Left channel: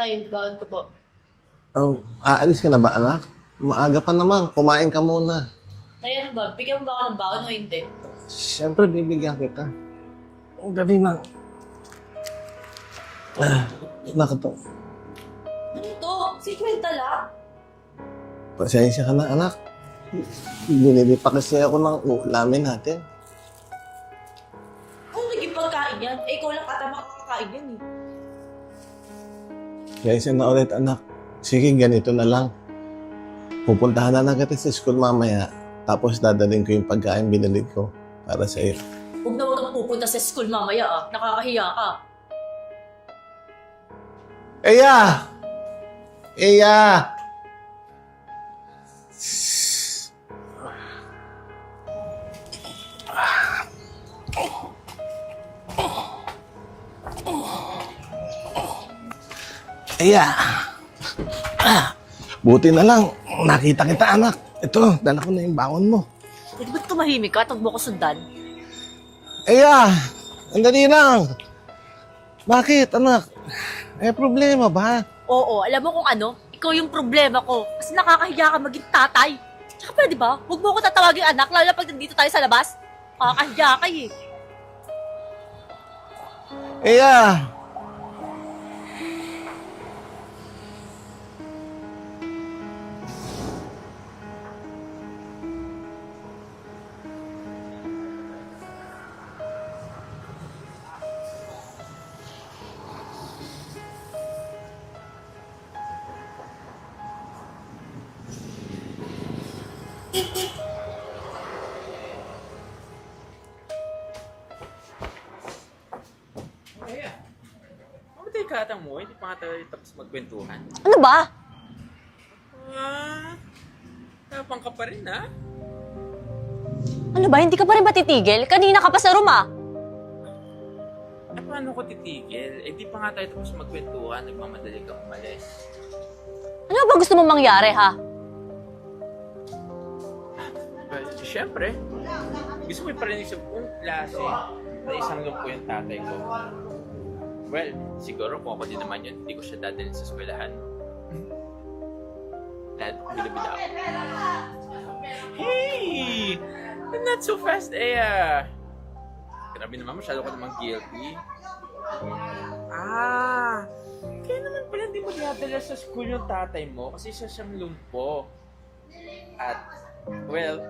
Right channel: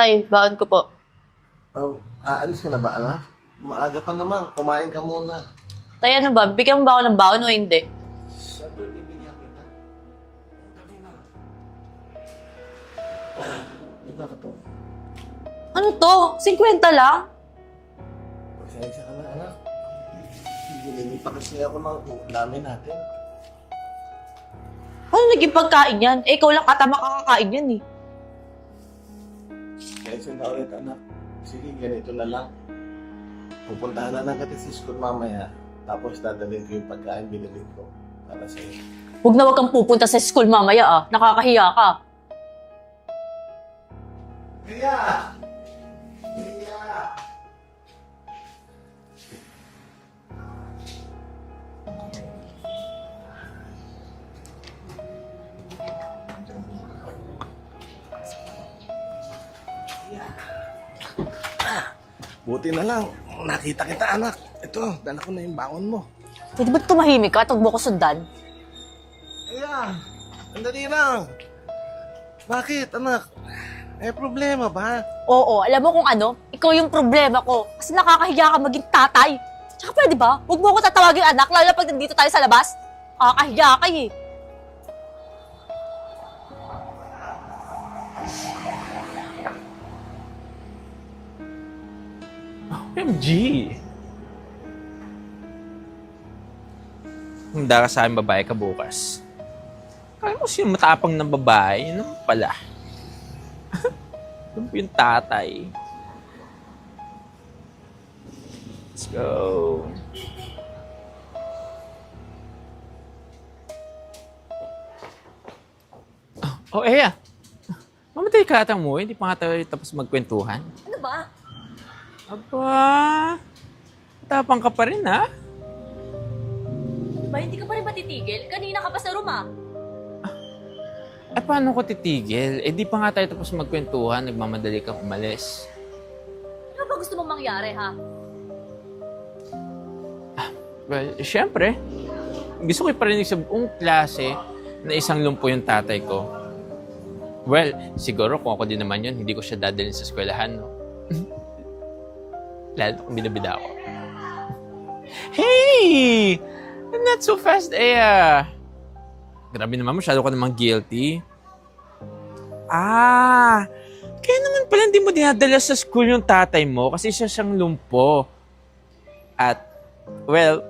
Tay, baon ko po. Aalis ka na ba, anak? Maaga pa naman. Kumain ka muna. Tay, ano ba? Bigyan mo ba ako ng baon o hindi? Siyempre, bibigyan kita. Ang dali lang. Nakato. Ano to? 50 lang? Pasensya ka na, anak. Binili pa kasi ako ng ulamin natin. Ano naging pagkain yan? Eh, ikaw lang ata makakakain yan eh. Kaysa na ulit, anak. Sige, ganito na lang. Pupuntahan na lang kita sa school mamaya. Tapos dadalhin ko yung pagkain binili ko para sa iyo. Huwag na huwag kang pupunta sa school mamaya ah. Nakakahiya ka. Eya! Eya! Eya! Buti na lang, nakita kita, anak. Ito, dala ko na yung baon mo. Pwede ba tumahimik ka? Huwag mo ko sundan. Eya! Andali lang! Bakit, anak? May problema ba? Oo, alam mo kung ano? Ikaw yung problema ko. Kasi nakakahiya ka maging tatay. Tsaka pwede ba? Huwag mo ko tatawagin anak, lalo pag nandito tayo sa labas. Nakakahiya ka eh. Eya! MG! Handa ka sa akin babae ka bukas. Ay mo sino matapang na babae, yun naman pala. Yun po yung tatay. Let's go. Oh, Eya. Mamatay ka ata mo, hindi pa nga tayo tapos magkwentuhan. Ano ba? Aba, tapang ka pa rin, ha? Ano ba? Hindi ka pa rin ba titigil? Kanina ka pa sa room ah. Eh, paano ko titigil? Eh, di pa nga tayo tapos magkwentuhan, nagmamadali kang umalis. Ano ba gusto mong mangyari ha? Well, syempre, gusto ko iparinig sa buong klase na isang lumpo yung tatay ko. Well, siguro kung ako din naman yun, hindi ko siya dadalhin sa eskwelahan, no? Lalo kung binabida ako. Hey! Not so fast, Ea! Grabe naman, masyado ka namang guilty. Ah! Kaya naman pala hindi mo dinadala sa school yung tatay mo kasi siya siyang lumpo. At, well,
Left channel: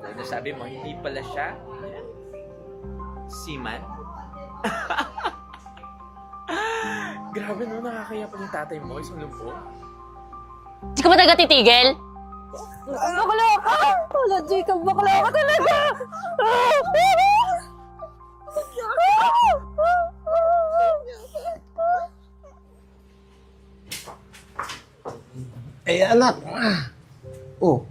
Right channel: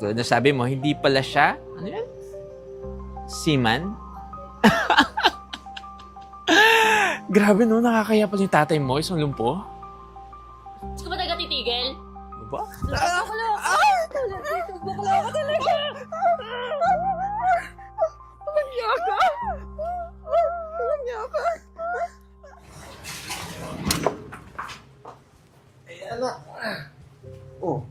tulad na sabi mo, hindi pala siya, ano yan? Seaman? Grabe no, nakakaya pala yung tatay mo, isang lumpo. Hindi ka ba talaga titigil? Ba? Bakla ka! Wala, Jacob, bakla ka talaga! Anak! Oh,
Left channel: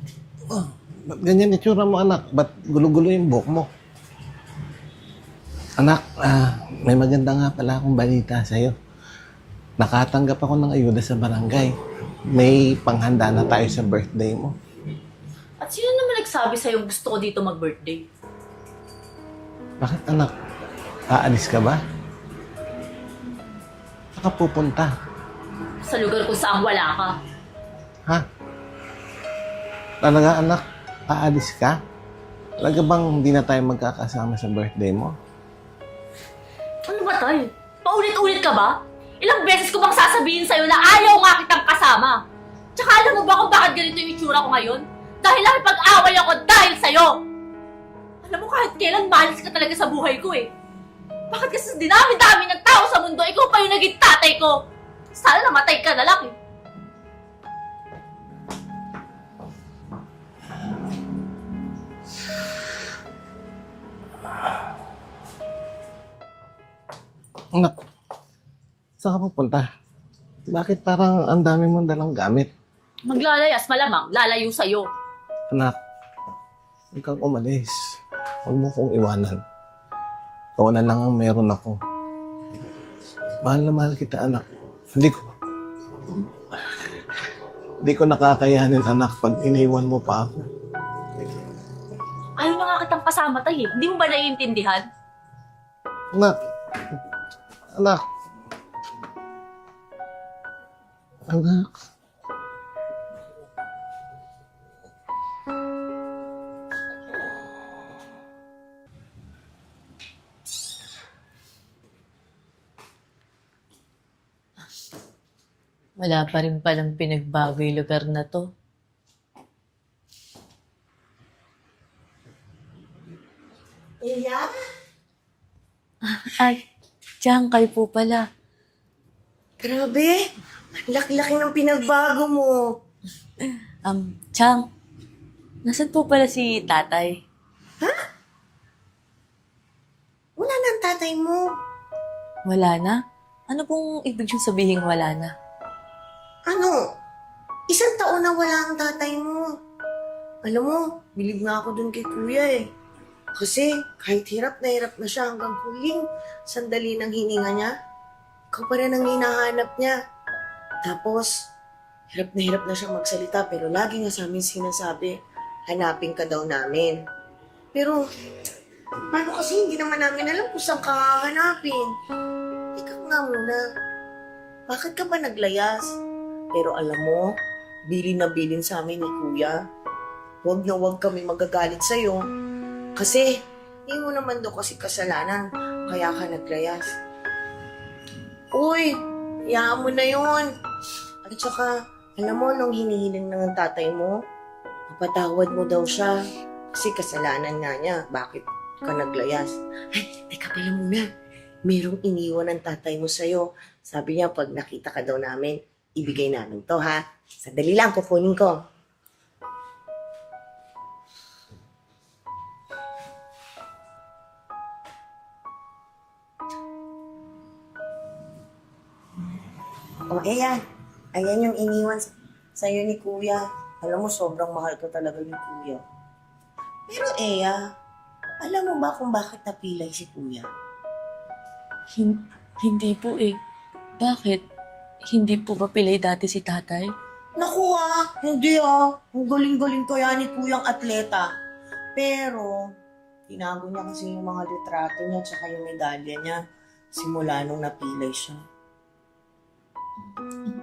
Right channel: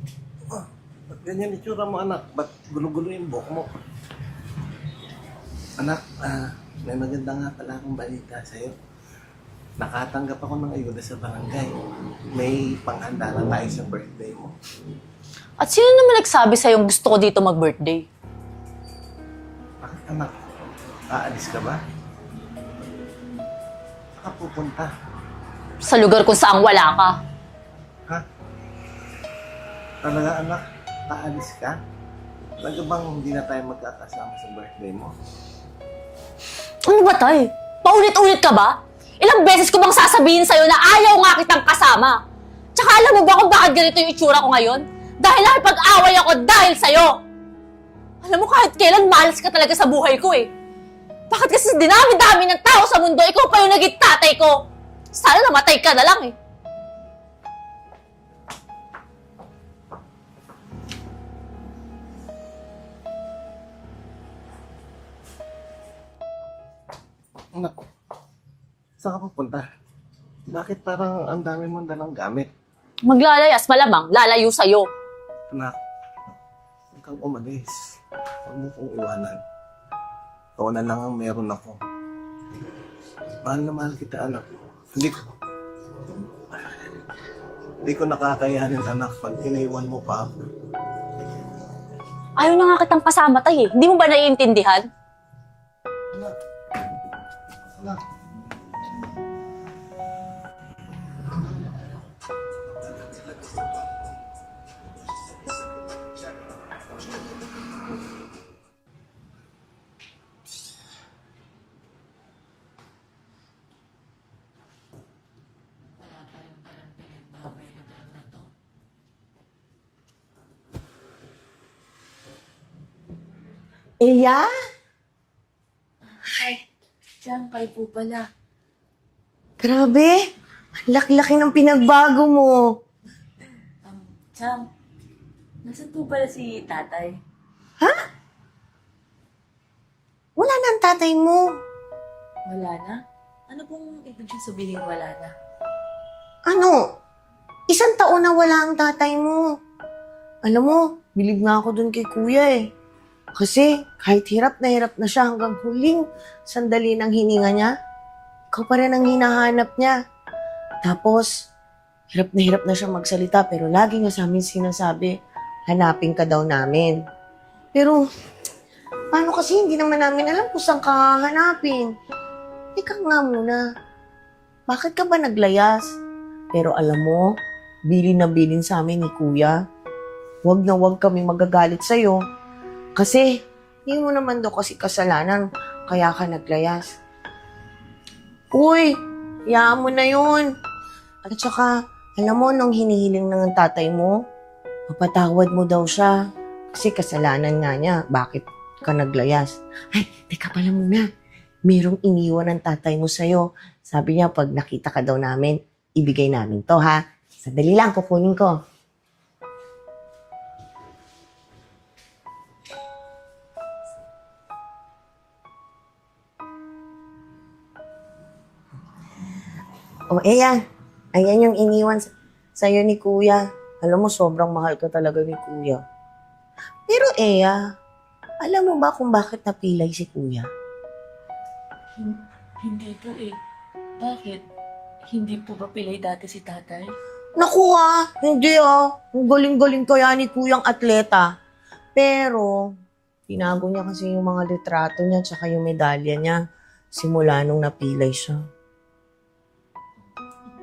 ba't ganyan itsura mo, anak? Ba't gulo-gulo yung buhok mo? Anak, may maganda nga pala akong balita sa'yo. Nakatanggap ako ng ayuda sa barangay. May panghanda na tayo sa birthday mo. At sino naman nagsabi sa'yo gusto ko dito mag-birthday? Bakit, anak? Aalis ka ba? Saka pupunta. Sa lugar kung saan wala ka. Ha? Talaga, anak? Aalis ka? Talaga bang hindi na tayo magkakasama sa birthday mo? Ano ba, tay? Paulit-ulit ka ba? Ilang beses ko bang sasabihin sa'yo na ayaw nga kitang kasama? Tsaka alam mo ba kung bakit ganito yung itsura ko ngayon? Dahil nakipag-away ako dahil sa'yo! Alam mo, kahit kailan malas ka talaga sa buhay ko eh. Bakit kasi sa dinami-dami ng tao sa mundo, ikaw pa yung naging tatay ko? Sana namatay ka na lang eh. Anak, saan ka pupunta? Bakit parang ang dami mong dalang gamit? Maglalayas, malamang, lalayo sa'yo. Anak, huwag kang umalis. Huwag mo kong iwanan. Ikaw na lang ang meron ako. Mahal na mahal kita, anak. Hindi ko nakakayanin, anak, pag iniwan mo pa ako. Ayaw na nga kitang kasama, tay eh. Hindi mo ba naiintindihan? Anak, anak. Anak. Wala pa rin palang pinagbago yung lugar na to. Iya? Ay, diyan kayo po pala. Grabe! Ang laki-laki ng pinagbago mo. Chang, nasan po pala si tatay? Wala na ang tatay mo. Wala na? Ano pong ibig yung sabihin wala na? Ano? 1 taon na wala ang tatay mo. Alam mo, bilib nga ako dun kay kuya eh. Kasi kahit hirap na siya hanggang huling sandali ng hininga niya, ikaw pa rin ang hinahanap niya. Tapos, hirap na siya magsalita pero lagi nga sa amin sinasabi, hanapin ka daw namin. Pero, paano kasi hindi naman namin alam kung saan ka hanapin? Ikaw nga muna, bakit ka ba naglayas? Pero alam mo, bilin na bilin sa amin ni kuya. Huwag na huwag kami magagalit sa'yo. Kasi, hindi mo naman daw kasi kasalanan, kaya ka naglayas. Uy, hayaan mo na yun. At saka, alam mo, nung hinihiling ng tatay mo, mapatawad mo daw siya. Kasi kasalanan nga niya, bakit ka naglayas. Ay, teka pala muna. Mayroong iniwan ng tatay mo sa'yo. Sabi niya, pag nakita ka daw namin, ibigay namin to, ha? Sandali lang, kukunin ko. O, ayan. Ayan yung iniwan sa'yo ni Kuya. Alam mo, sobrang mahal ka talaga ni Kuya. Pero, Eya, alam mo ba kung bakit napilay si Kuya? Hindi po eh. Bakit? Hindi po ba pilay dati si tatay? Naku hindi Ang galing-galing kaya ni Kuyang atleta. Pero, tinago niya kasi yung mga litrato niya tsaka yung medalya niya simula nung napilay siya.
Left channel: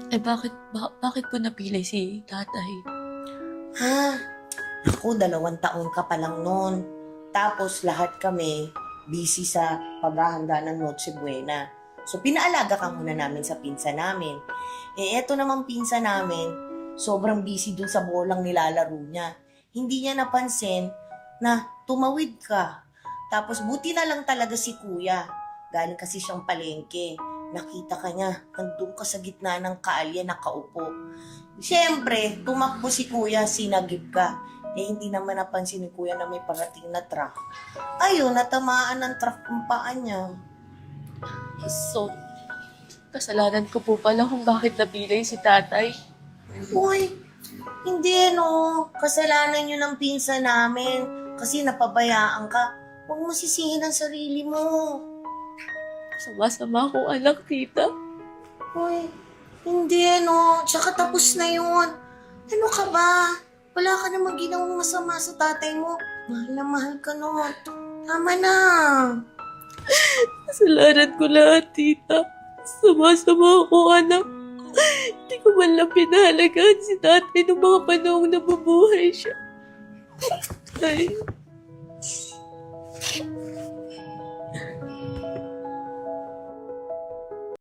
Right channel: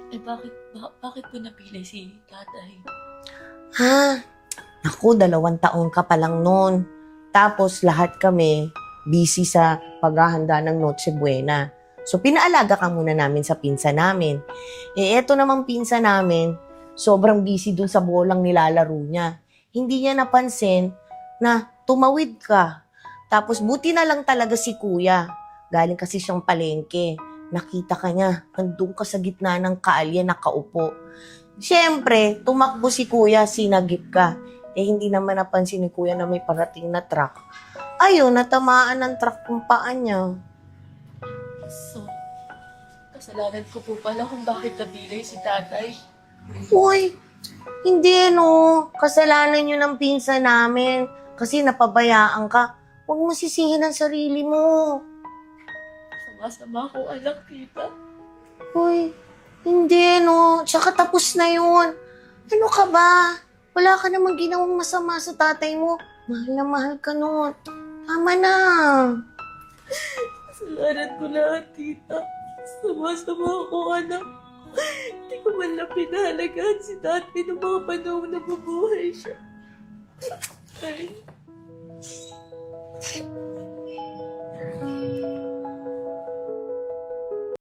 Eh bakit po napilay si tatay? Ha? Naku, 2 taon ka pa lang noon. Tapos lahat kami busy sa paghahanda ng Noche Buena. So, pinaalaga ka muna namin sa pinsa namin. Eh, eto namang pinsa namin, sobrang busy dun sa bolang nilalaro niya. Hindi niya napansin na tumawid ka. Tapos, buti na lang talaga si Kuya. Galing kasi siyang palengke. Nakita ka niya, nandun ka sa gitna ng kalye, nakaupo. Siyempre, tumakbo si Kuya, sinagip ka. Eh, hindi naman napansin ni Kuya na may parating na truck. Ayun, natamaan ng truck kung paa niya. So, kasalanan ko po pala kung bakit napilay si tatay. Uy, hindi kasalanan yun ng pinsa namin. Kasi napabayaan ka. Huwag mo sisihin ang sarili mo. Sama-sama akong anak, tita. Uy, hindi Tsaka tapos na yun. Ano ka ba? Wala ka namang ginawang masama sa tatay mo. Mahal na mahal ka nun. Tama na. Kasalanan ko lahat, tita. Sama-sama akong anak. Hindi ko man lang pinahalagaan si tatay noong mga panahong nabubuhay siya. Ay.